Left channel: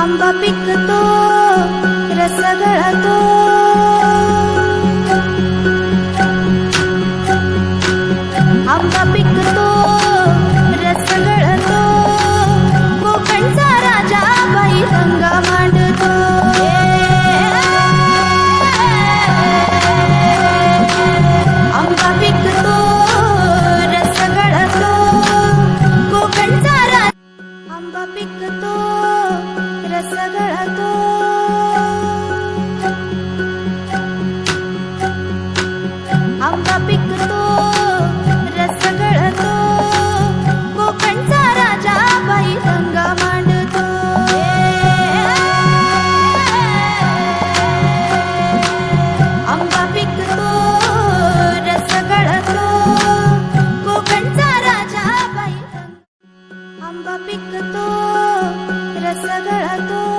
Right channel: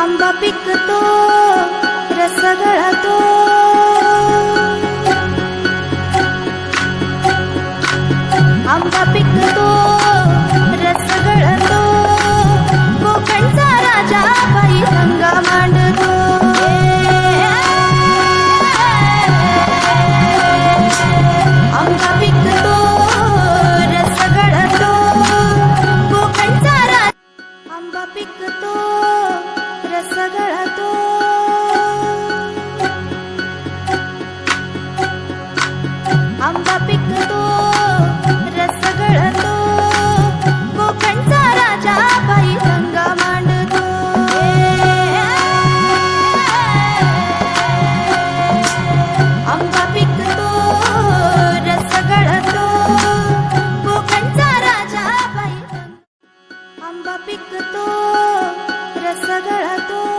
आंबा पिकतो रस गळतो, आंबा पिकतो रस गळतो, कोकणचा राजा बाई संगा मांडतो. आंबा पिकतो रस गळतो, कोकणचा राजा. आंबा पिकतो रस गळतो, आंबा पिकतो रस गळतो, कोकणचा राजा बाई संगा मांडतो. आंबा पिकतो रस गळतो, कोकणचा राजा बाई. आंबा पिकतो रस गळतो.